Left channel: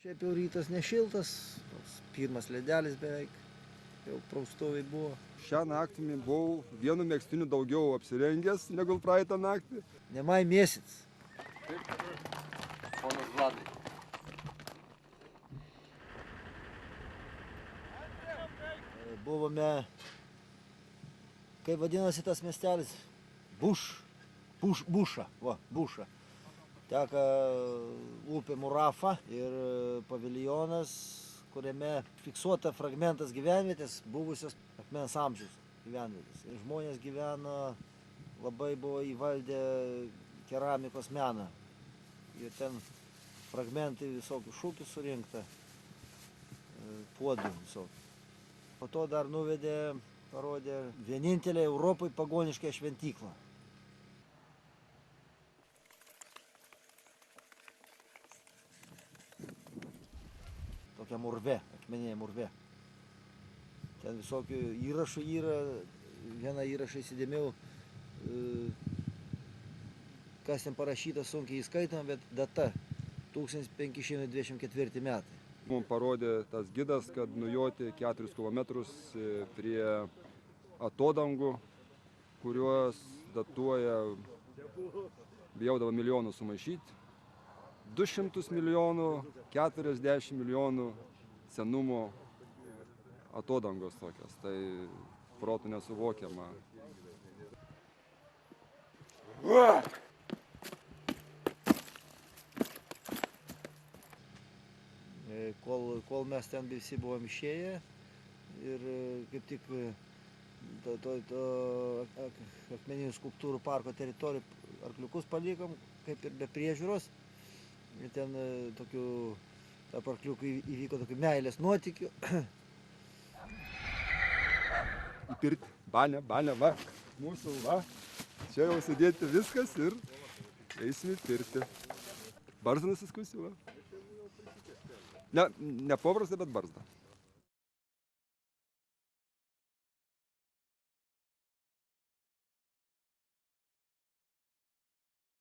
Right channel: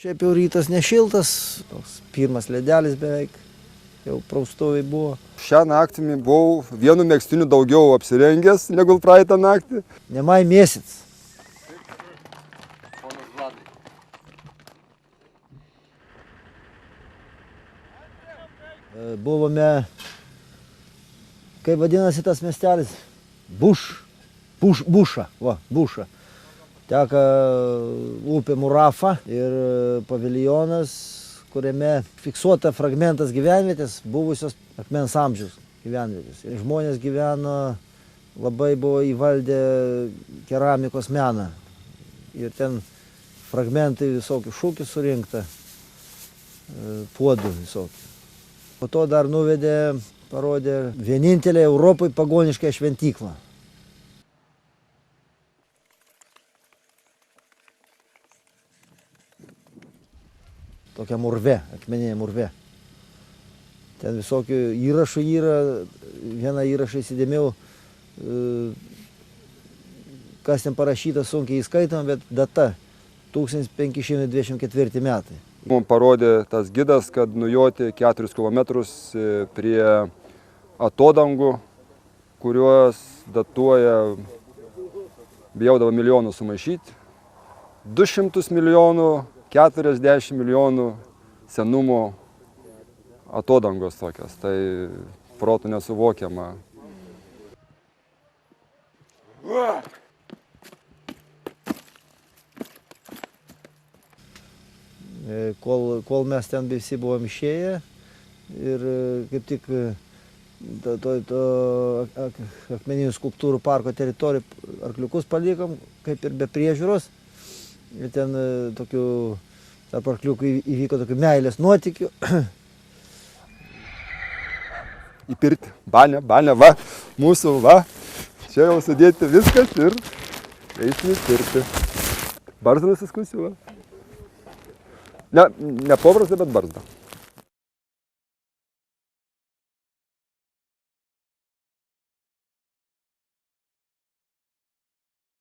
Šiaip jau rytas nešiltas, toks pirmas ledelis beveik, jau praustoviai buvo. Šią naktį buvau vienu megztiniu daugiau apsirengęs negu praeitą naktį. Nemai mėsits. Buvome, kaip vadinasi tas miestelis? Buša. Teka upė Murafa ir paviljonas, kuriame fiksuota fragmentas gyvenvietės, buvusios akmens amžiaus gyvenvietės. Ir žmonės gyveno, labai buvo įvaldę keramikos meną. Ir ten fragmentai visokių šūkių surinkta, puodų visokių. Po to dar nuvedė, parodė vienintelę Europoje pagonišką šventyklą. Tokia murve, akmeninė murve. Ten visokių įrašų yra, vieną įrašą įsidėmiau, kas ten parašyta sunkiai įskaitom, bet data 1524 metai. Mums parodė tas gidas, kad nujoti 4 km prie atodangų, kuriuos datuoja, bijaudavo milijonų sumaišyti, 200 milijonų, 40 milijonų senumo atodangos tokios. Tai protų nesuvokiama. Kol mes ten visi buvom išėję ir kaip tik akmeninių skulptūrų parko teritorijų arkliukus palikom, kaip ir be priežiūros. Ir ten tokių, tarp arkliukų įvyko tokių meilės nuotykių. Į pirtį, balę, va, mūsų, va, čia jau sudėti viskas ir eisim į pirtį. Barzdą nusiskusiu, va. Ne paprasta, bet barzda.